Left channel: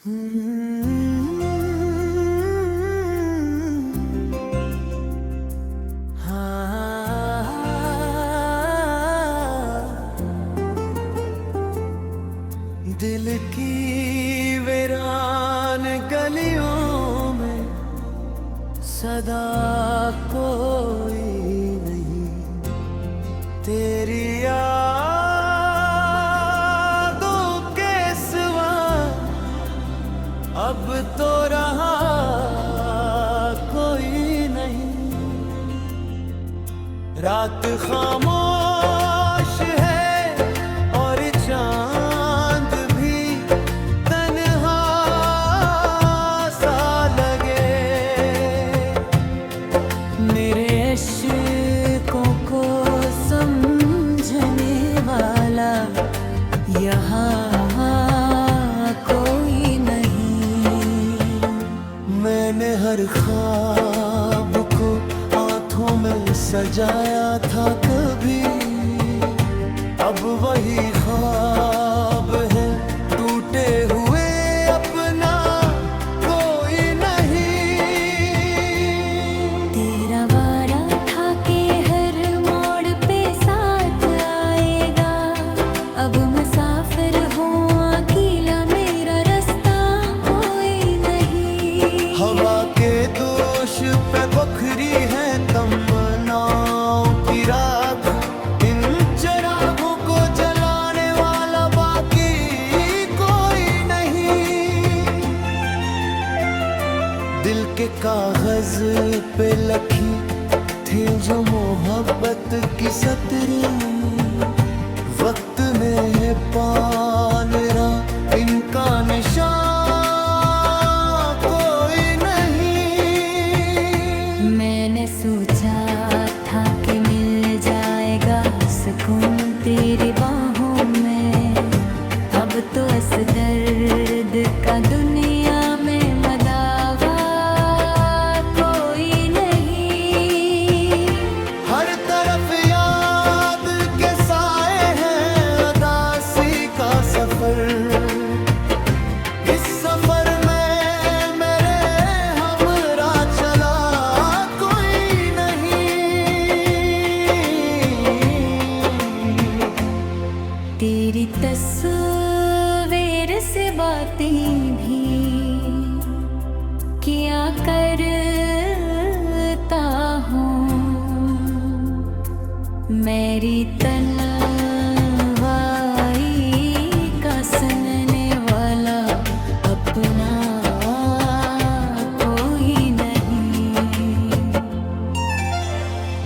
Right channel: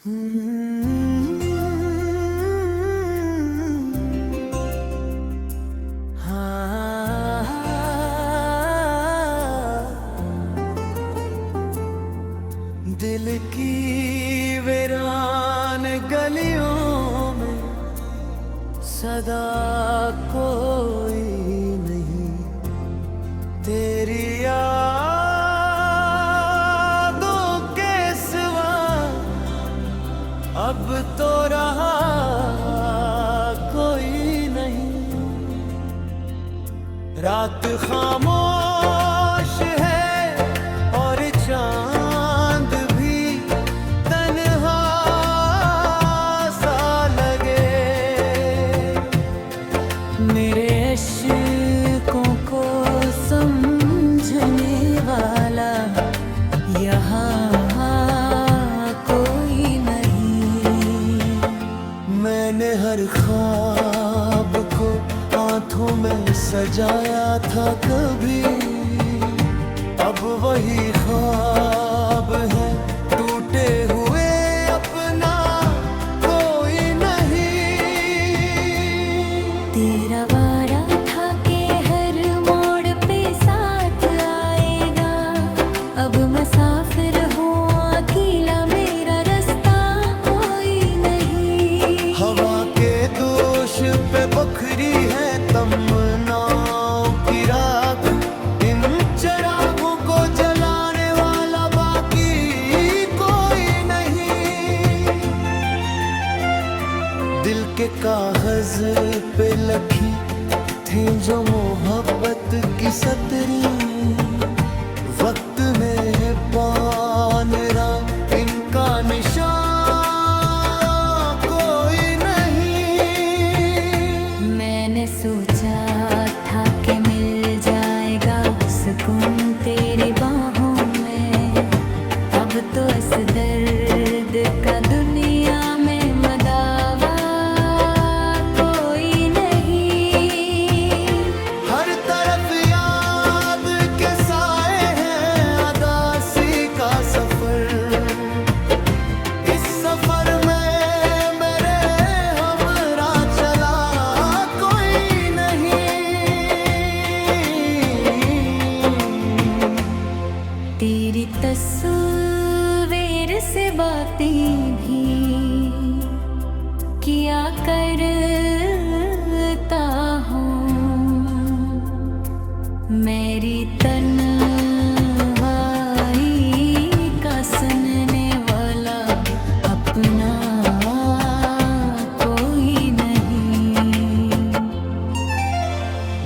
दिल की वीरान गलियों में सदा कोई नहीं, तेरी यादों के सिवा अब तो रहा कोई नहीं। रात खामोश है और चांद भी तन्हा सा लगे, मेरे इश्कों को समझने वाला यहाँ कोई नहीं। मैंने हर ख्वाब को हाथों में सजाया था कभी, अब वही ख्वाब है टूटे हुए, अपना कोई नहीं। तेरा वारा था कि हर मोड़ पे साथ आएगा, अब मुसाफिर हूँ अकेला, मेरा रास्ता कोई नहीं। हवा के दोष पे बखरी है तमन्नाओं की राख, इन चिरागों को जलाने वाला बाकी कोई नहीं। दिल के कागज पे लखी थी जो मोहब्बत की सतरी, वक्त ने पान रहा इनका निशान कोई नहीं। मैंने सोचा था कि मिल जाएगा सुकून तेरी बाहों में, अब तो इस दर्द का दुनिया में मदावा कोई नहीं। हर तरफ याद के साए हैं, अदासी का सफर, इस सफर में मेरे हमरा चला कोई नहीं। तेरी तस्वीर से बातें भी किया करता हूँ, मेरी तन्हाई का सुनने वाला अपना कोई नहीं।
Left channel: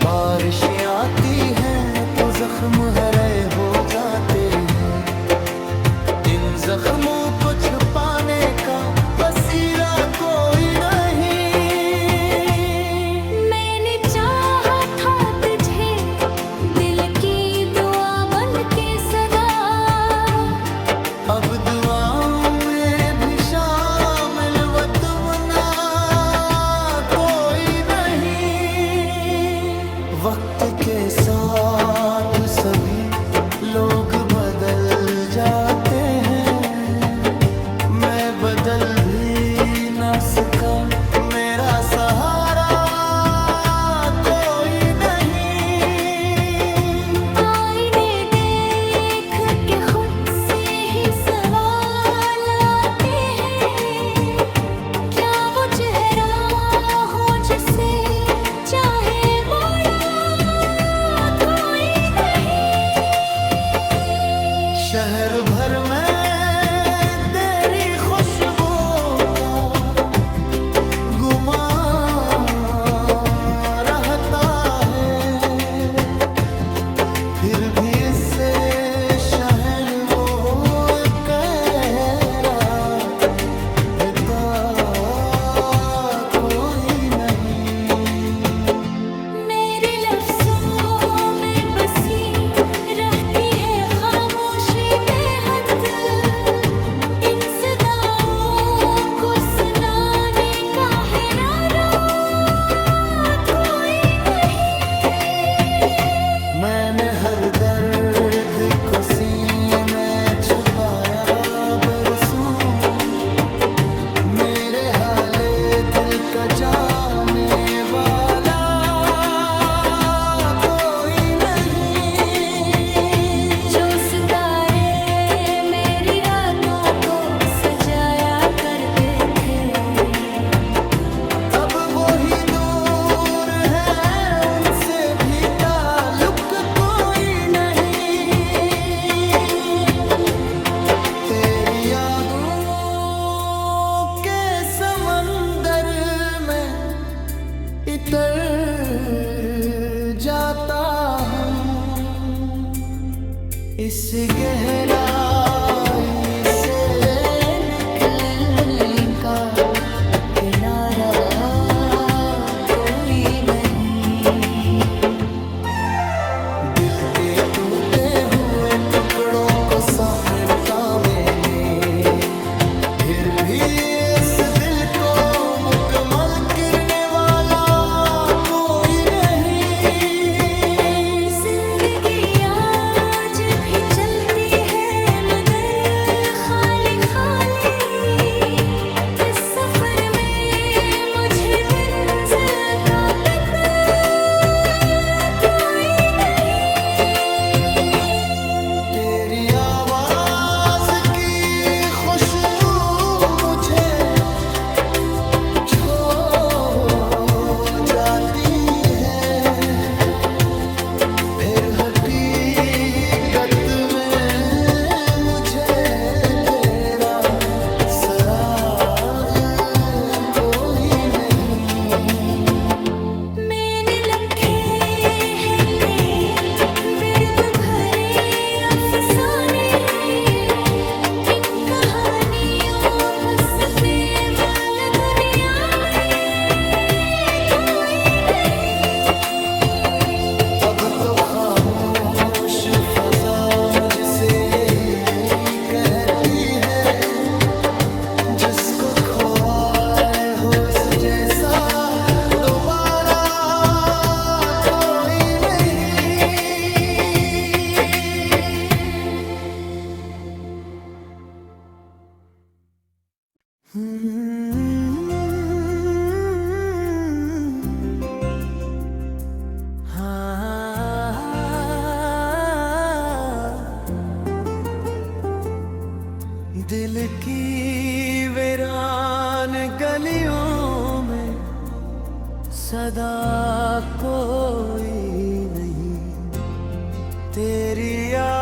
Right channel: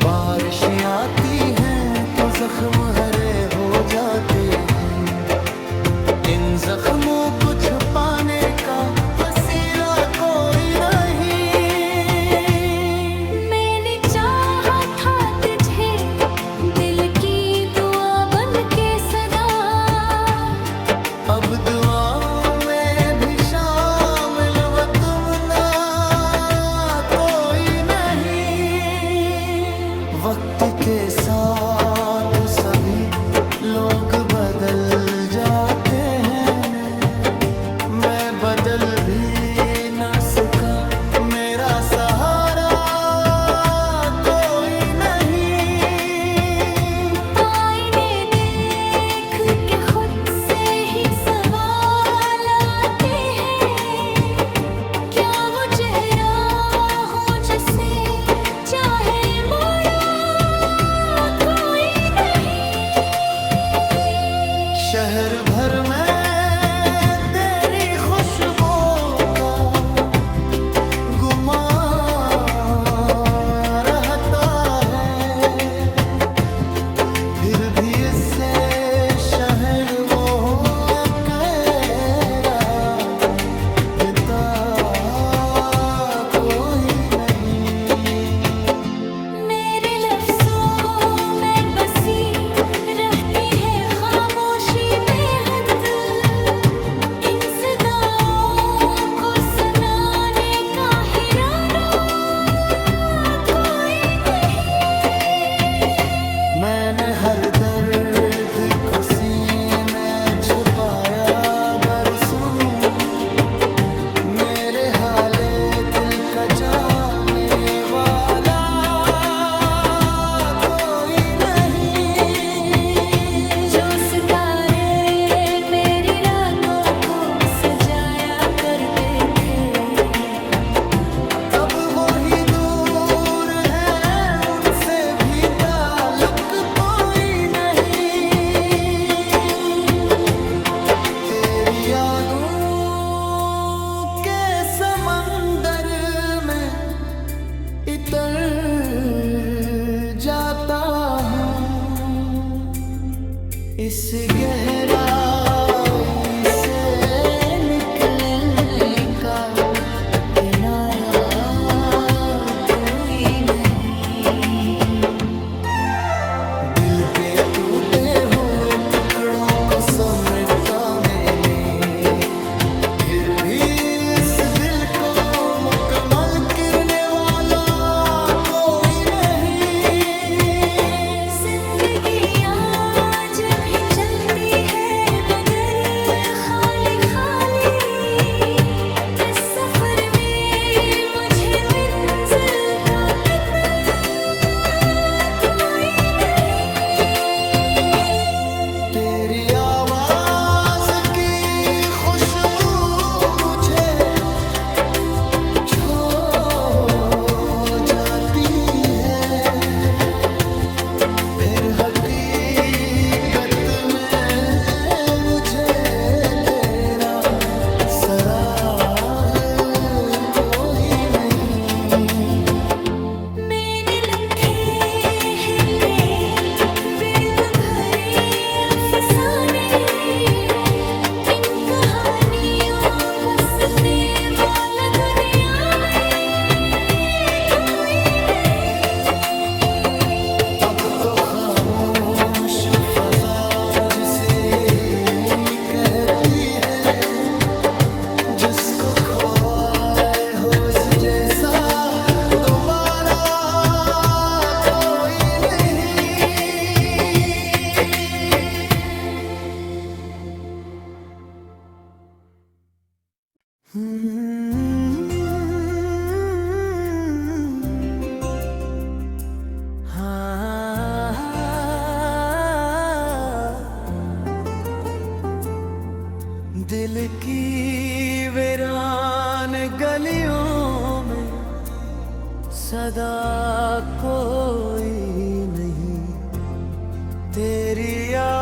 बारिशें आती हैं तो जख्म हरे हो जाते हैं, इन जख्मों को छुपाने का वसीला कोई नहीं। मैंने चाहा था तुझे दिल की दुआ बन के सदा, अब दुआओं में भी शामिल व तुमना कोई नहीं। वक्त के साथ सभी लोग बदल जाते हैं, मैं बदल भी न सका, मेरा सहारा कोई नहीं। आईने देख के खुद से ही सवाल आते हैं, क्या वो चेहरा हो जिसे चाहे मोड़ा कोई नहीं। शहर भर में खुशबू का गुमान का जाने वाला कोई नहीं। जो सितारे मेरी रातों को सजाया करते थे, अब वो ही दूर है, उनसे भी ताल्लुक कोई नहीं। तेरी यादों के समंदर में इतर जाता हूँ, इस गहराई से निकलने का किनारा कोई नहीं। दिल के टूटे हुए टुकड़ों को समेटा मैंने, फिर भी इस दिल को मुकम्मल करने वाला कोई नहीं। जिंदगी आज भी चलती है मगर खाली खाली, इस सफर में मुझे मंजिल का पता कोई नहीं। तेरी आवाज की खुशबू मुझे छो जाती है, फिर हकीकत में मुझे तेरा सराग कोई नहीं। मैंने लिखे हैं कई बिर्द भरे अफसाने, इन कहानियों बसने वाला दुनिया में कोई नहीं। अब तो खामोश फजा मुझसे यही कहती है, जिसको खोए हो उस जैसा दोबारा कोई नहीं। दिल की वीरान गलियों में सदा कोई नहीं। तेरी यादों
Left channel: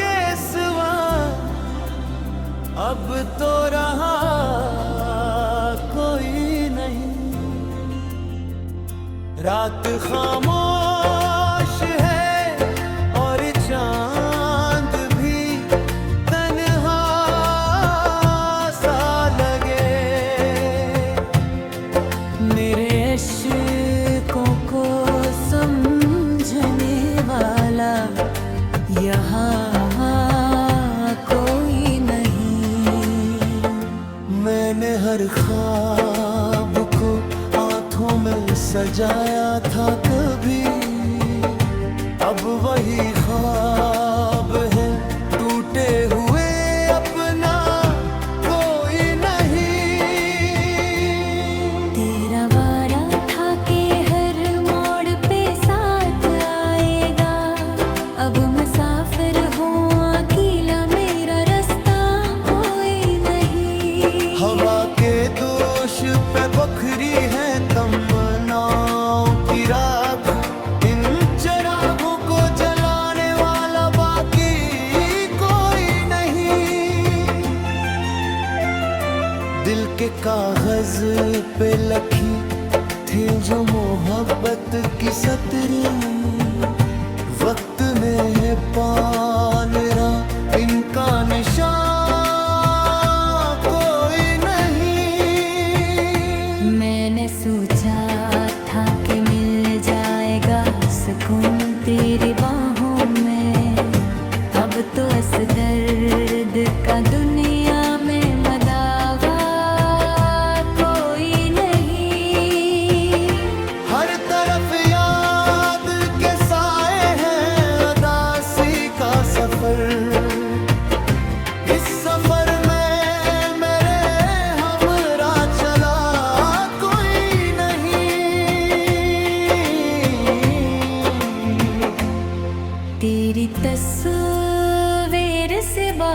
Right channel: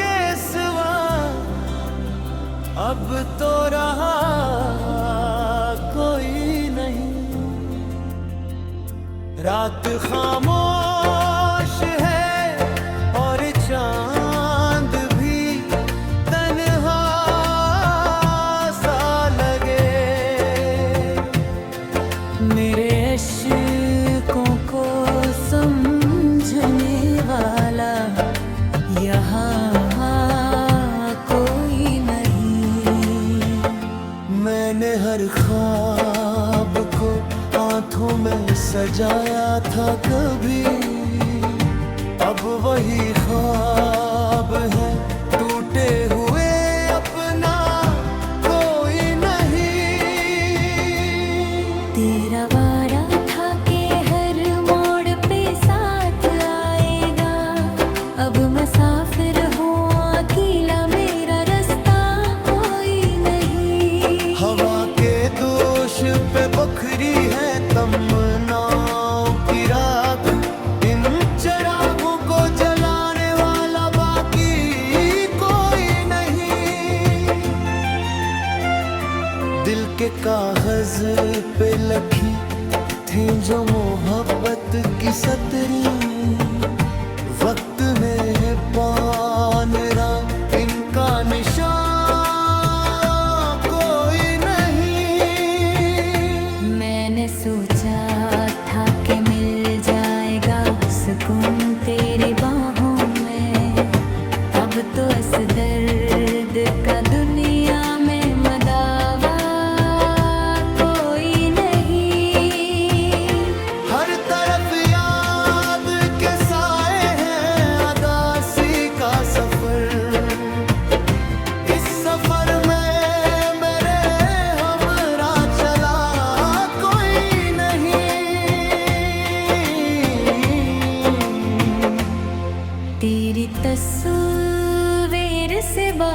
के सिवा अब तो रहा कोई नहीं। रात खामोश है और चांद भी तन्हा सा लगे, मेरे इश्कों को समझने वाला यहाँ कोई नहीं। मैंने हर ख्वाब को हाथों में सजाया था कभी, अब वही ख्वाब है टूटे हुए, अपना कोई नहीं। तेरा वादा था कि हर मोड़ पे साथ आएगा, अब मुसाफिर हूँ अकेला, मेरा रास्ता कोई नहीं। हवा के दोष पे बखरी है तमन्नाओं की राख, इन चिरागों को जलाने वाला बाकी कोई नहीं। दिल के कागज पे लखी थी जो मोहब्बत की सतरी, वक्त में पान रहा इनका निशान कोई नहीं। मैंने सोचा था कि मिल जाएगा सुकून तेरी बाहों में, अब तो इस दर्द का दुनिया में मदावा कोई नहीं। हर तरफ याद के साए हैं, अदासी का सफर, इस सफर में मेरे हम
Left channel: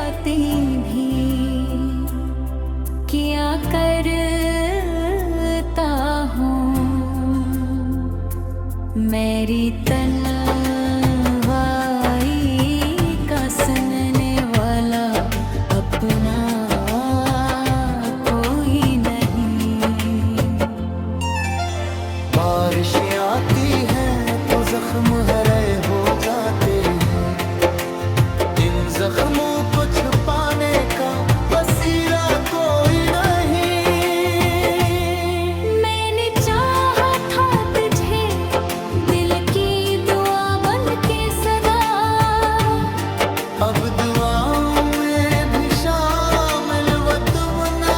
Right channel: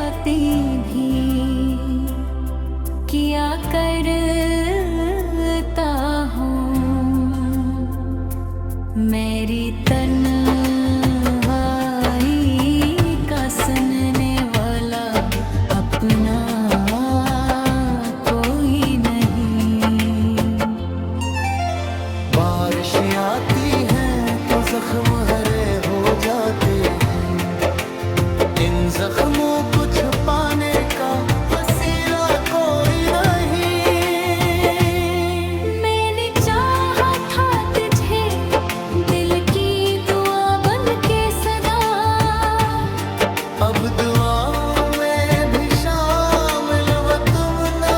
बातें भी किया करता हूँ। मेरी तन्हाई का सुनने वाला अपना कोई नहीं। बारिशें आती हैं तो जख्म हरे हो जाते हैं, इन जख्मों को छुपाने का वसीला कोई नहीं। मैंने चाहा था तुझे दिल की दुआ बन के सदा, अब दुआओं में भी शामिल व तुम ना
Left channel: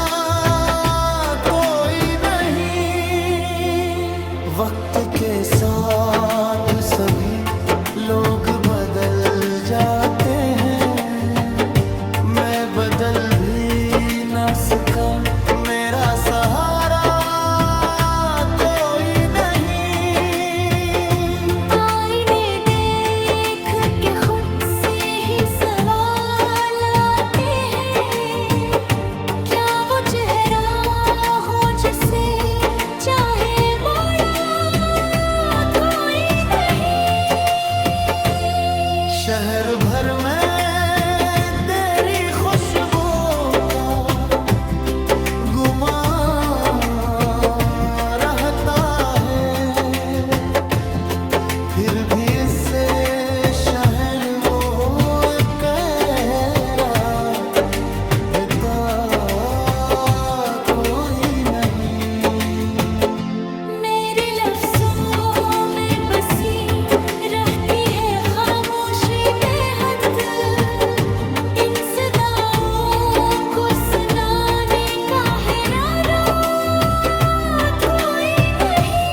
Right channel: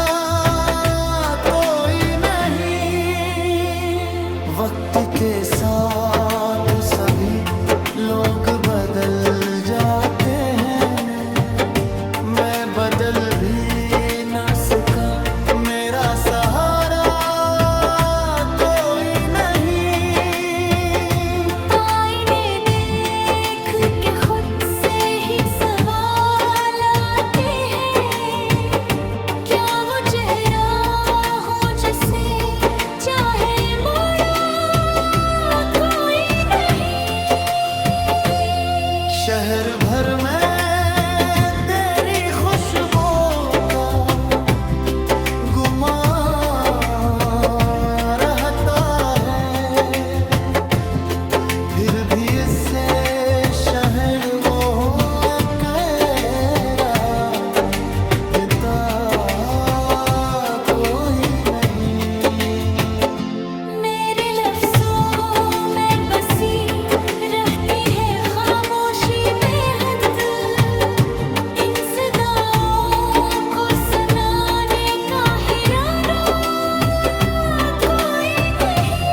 कोई नहीं। वक्त के साथ सभी लोग बदल जाते हैं, मैं बदल भी न सका, मेरा सहारा कोई नहीं। आईने देख के खुद से ही सवाल आते हैं, क्या वो चेहरा हो जिसे चाहे मोड़ा कोई नहीं। शहर भर में तेरी खुशबू का गुमा रहता है, फिर भी इससे शहर वो कहरा देता कोई नहीं। मेरे लफ्जों में बसी रहती है खामोशी बेहद, इन सदाओं को सुनाने का हिराना कोई नहीं।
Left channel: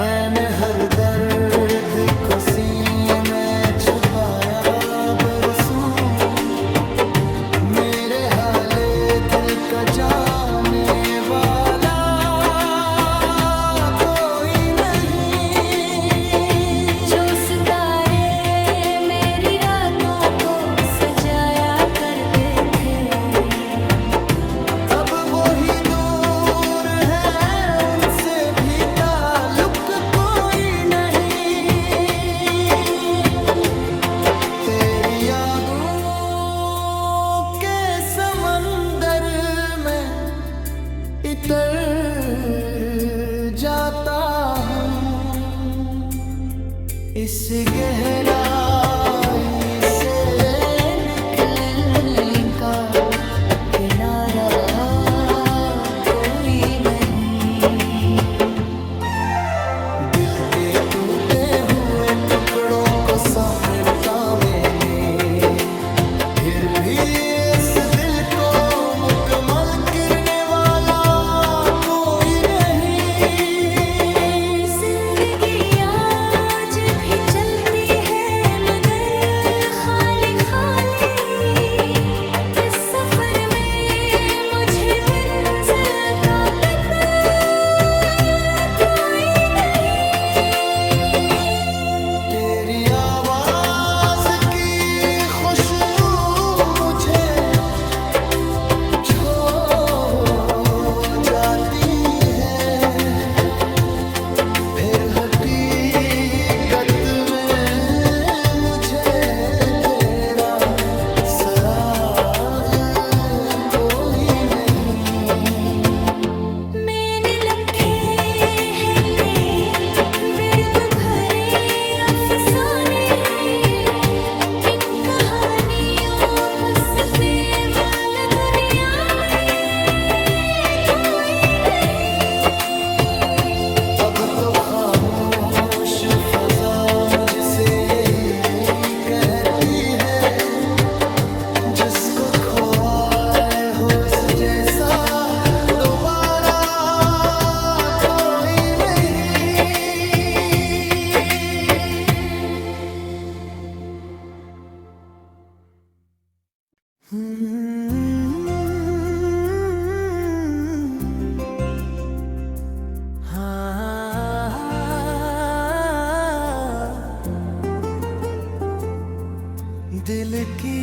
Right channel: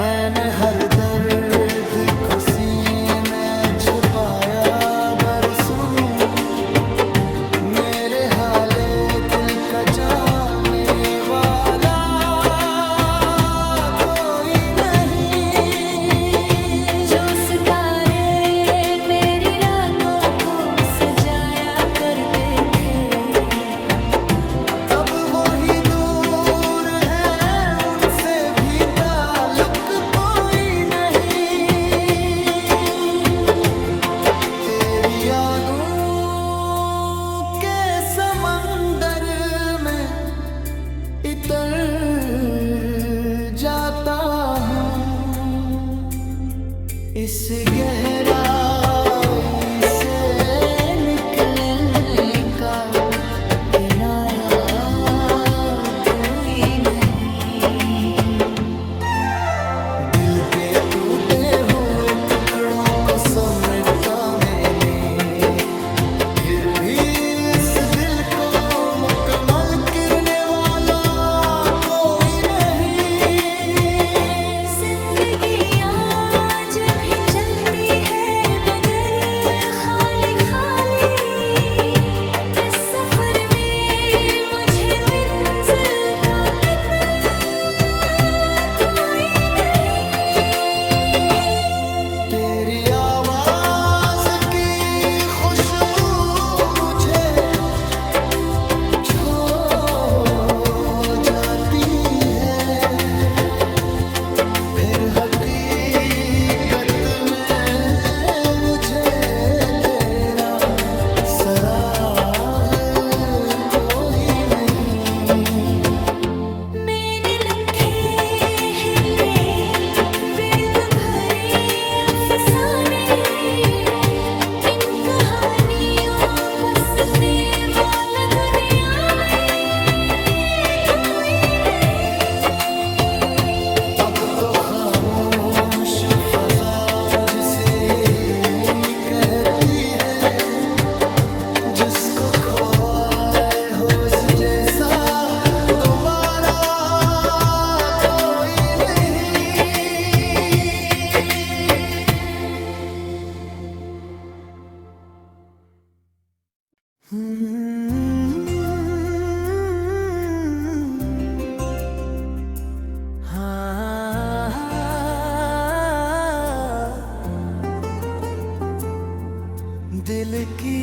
मैंने हर दर्द को सीने में छुपाया बरसों, मेरे हाले दिल का जाने वाला कोई नहीं। जो सितारे मेरी रातों को सजाया करते थे, अब वो ही दूर है, उनसे भी ताल्लुक कोई नहीं। तेरी यादों के समंदर में इतर जाता हूँ, इस गहराई से निकलने का किनारा कोई नहीं। दिल के टूटे हुए टुकड़ों को समेटा मैंने, फिर भी इस दिल को मुकम्मल करने वाला कोई नहीं। जिंदगी आज भी चलती है मगर खाली खाली, इस सफर में मुझे मंजिल का पता कोई नहीं। तेरी आवाज की खुशबू मुझे छो जाती है, फिर हकीकत में मुझे तेरा सराग कोई नहीं। मैंने लिखे हैं पे बिर्द भरे अफसाने, इन कहानियों बसने वाला दुनिया में कोई नहीं। अब तो खामोश फजा मुझसे यही कहती है, जिसको खोए होश जैसा दोबारा कोई दिल की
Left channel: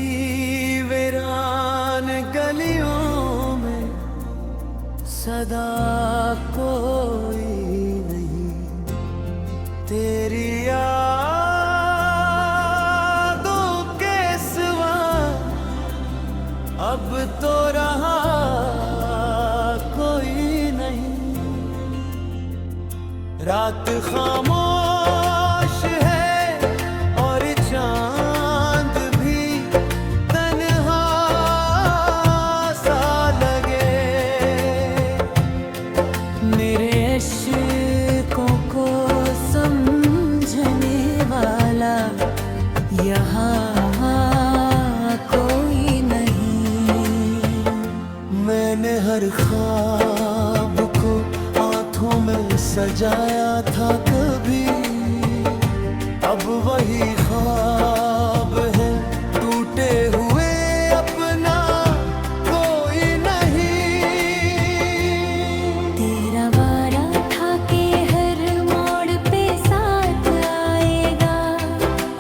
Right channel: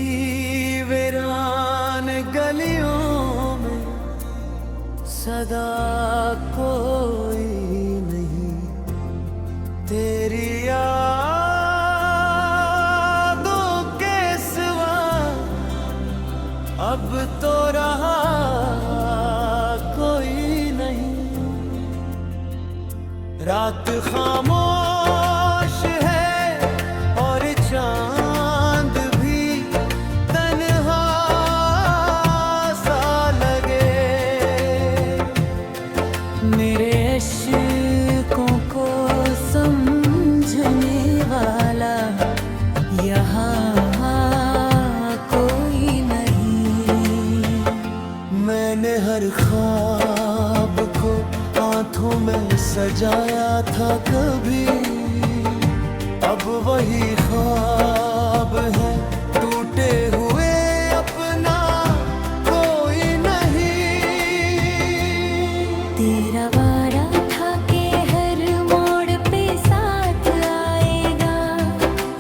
वीरान गलियों में सदा कोई नहीं, तेरी यादों के सिवा अब तो रहा कोई नहीं। रात खामोश है और चांद भी तन्हा सा लगे, मेरे इश्कों को समझने वाला यहाँ कोई नहीं। मैंने हर ख्वाब को हाथों में सजाया था कभी, अब वही ख्वाब है टूटे हुए, अपना कोई नहीं। तेरा वारा था कि हर मोड़ पे साथ आएगा,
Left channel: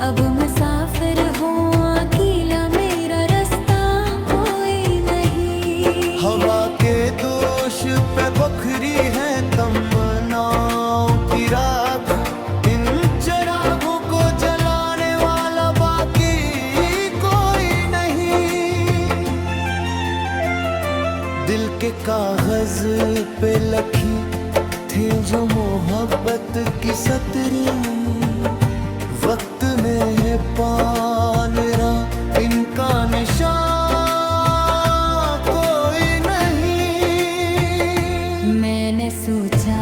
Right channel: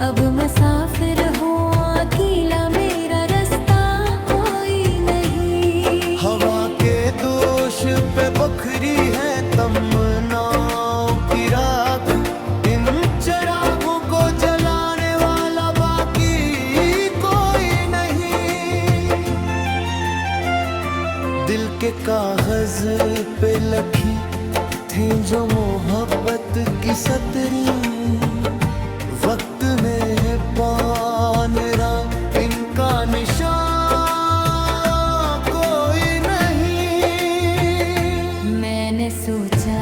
अब मुसाफिर हूँ अकेला, मेरा रास्ता कोई नहीं। हवा के दोष पे बखरी है तमन्नाओं की राख, इन चिरागों को जलाने वाला बाकी कोई नहीं। दिल के कागज पे लखी थी जो मोहब्बत की सतरी, वक्त ने पान रहा इनका निशान कोई नहीं। मैंने सोचा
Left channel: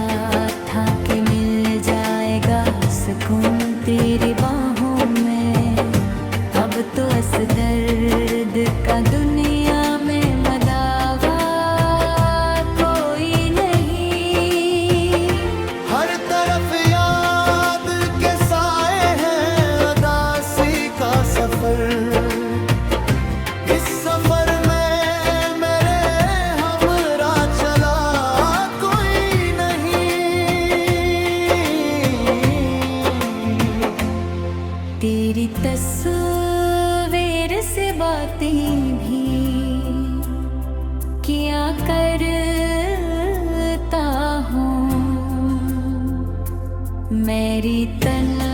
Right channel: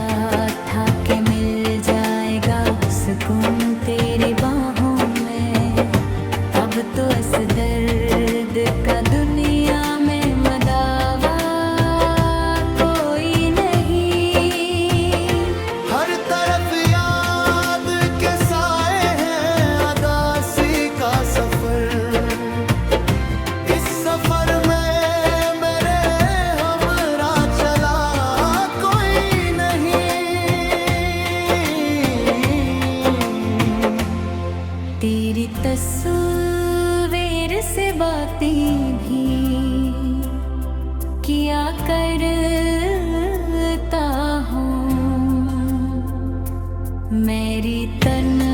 था कि मिल जाएगा सुकून तेरी बाहों में, अब तो इस दर्द का दुनिया में मदावा कोई नहीं। हर तरफ याद के साए हैं, अदासी का सफर, इस सफर में मेरे हमरा चला कोई नहीं। तेरी तस्वीर से बातें भी किया करता हूँ, मेरी तन्हाई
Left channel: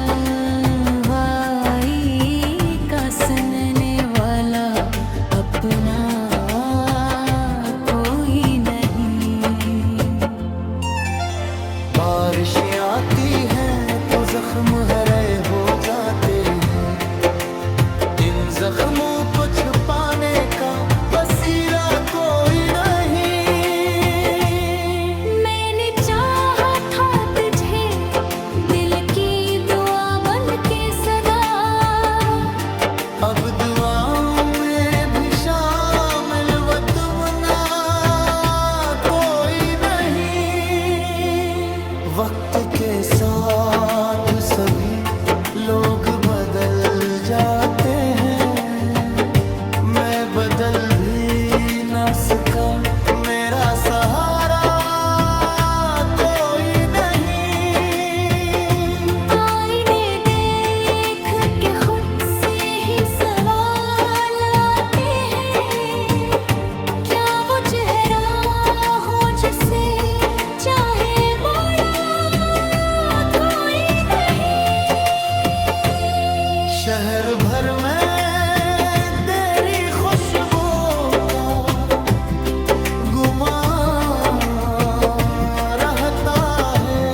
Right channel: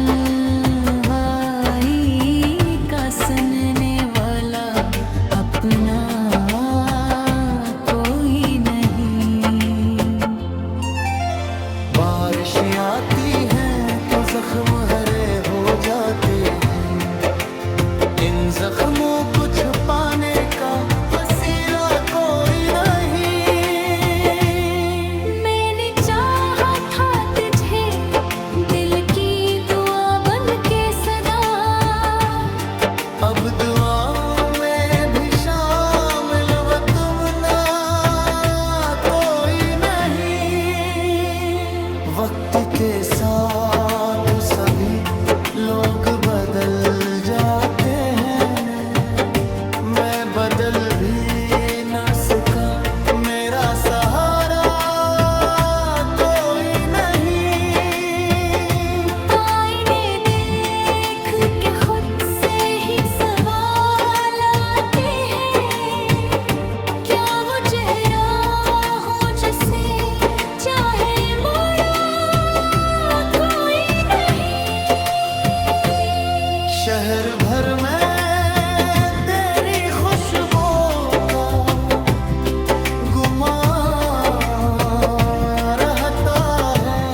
का सुनने वाला अपना कोई नहीं। बारिशें आती हैं तो जख्म हरे हो जाते हैं, इन जख्मों को छुपाने का वसीला कोई नहीं। मैंने चाहा था तुझे दिल की दुआ बन के सदा, अब दुआओं में भी शामिल व तुमना कोई नहीं। वक्त के साथ सभी लोग बदल जाते हैं, मैं बदल भी न सका, मेरा सहारा कोई नहीं। आईने देख के खुद से ही सवाल आते हैं, क्या वो चेहरा हो जिसे चाहे मोड़ा कोई नहीं। शहर भर में तेरी खुशबू का गुमा रहता है,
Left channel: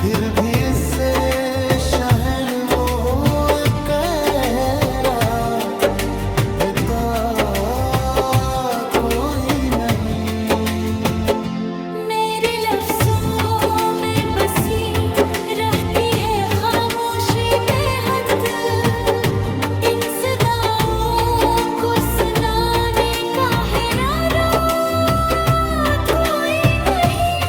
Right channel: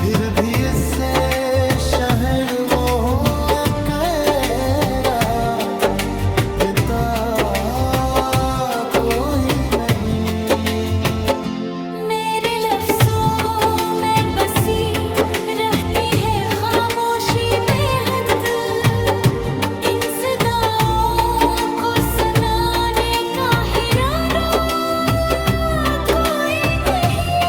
फिर भी इससे शहर वो कहरा देता कोई नहीं। मेरे लफ्जों में बसी रहती है खामोशी बेहद, इन सदाओं को सुनाने का हिराना कोई नहीं।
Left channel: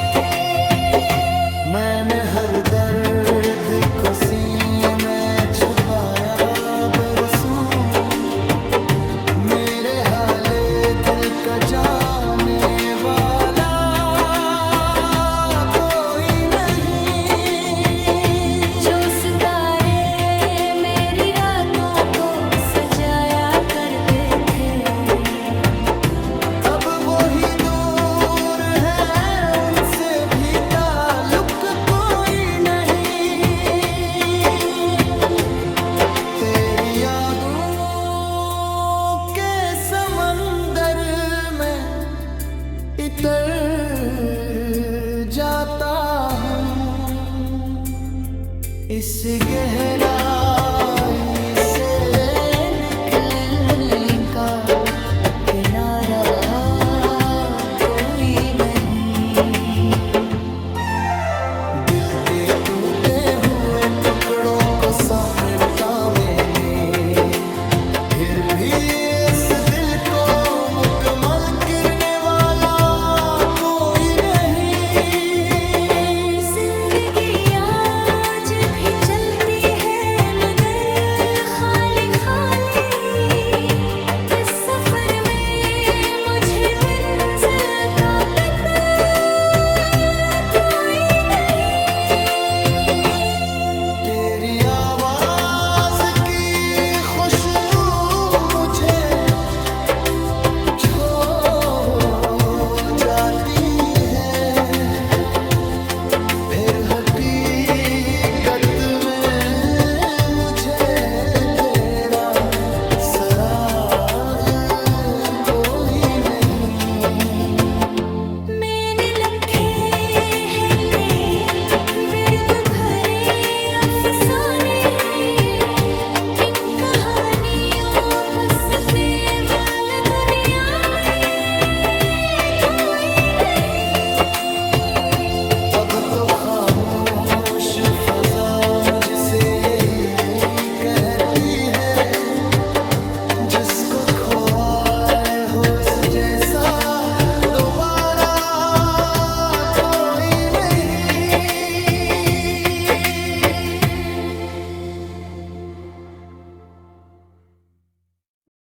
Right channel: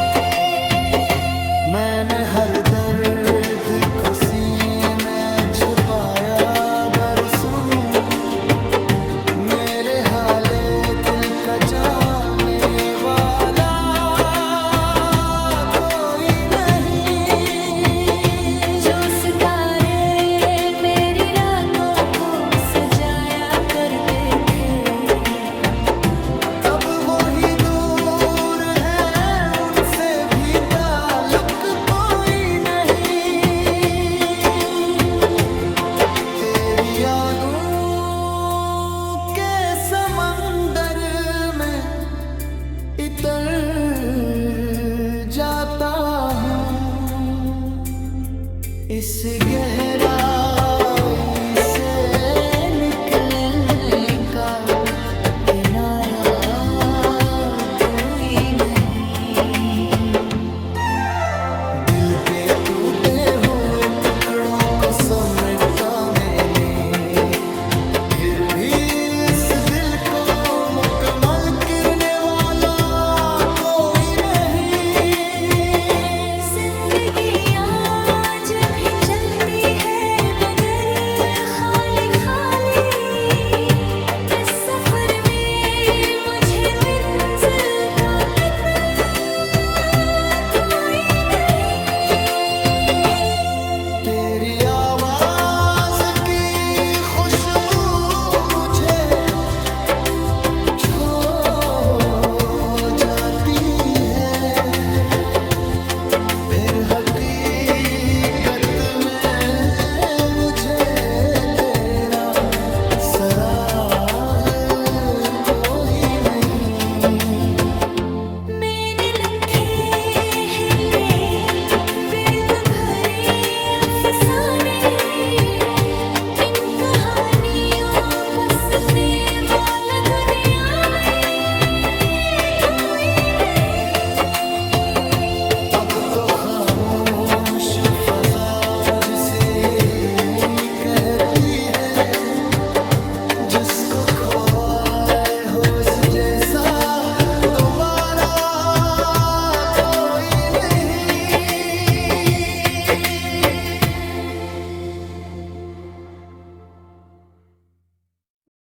मैंने हर दर्द को सीने में छुपाया बरसों, मेरे हाले दिल का जाने वाला कोई नहीं। जो सितारे मेरी रातों को सजाया करते थे। अब वो ही दूर है, उनसे भी ताल्लुक कोई नहीं। तेरी यादों के समंदर में इतर जाता हूँ, इस गहराई से निकलने का किनारा कोई नहीं। दिल के टूटे हुए टुकड़ों को समेटा मैंने, फिर भी इस दिल को मुकम्मल करने वाला कोई नहीं। जिंदगी आज भी चलती है मगर खाली खाली, इस सफर में मुझे मंजिल का पता कोई नहीं। तेरी आवाज की खुशबू मुझे छो जाती है, फिर हकीकत में मुझे तेरा सराग कोई नहीं। मैंने लिखे हैं कई बिर्द भरे अफसाने, इन कहानियों बसने वाला दुनिया में कोई नहीं। अब तो खामोश फजा मुझसे यही कहती है, जिसको खोए हो उस जैसा दोबारा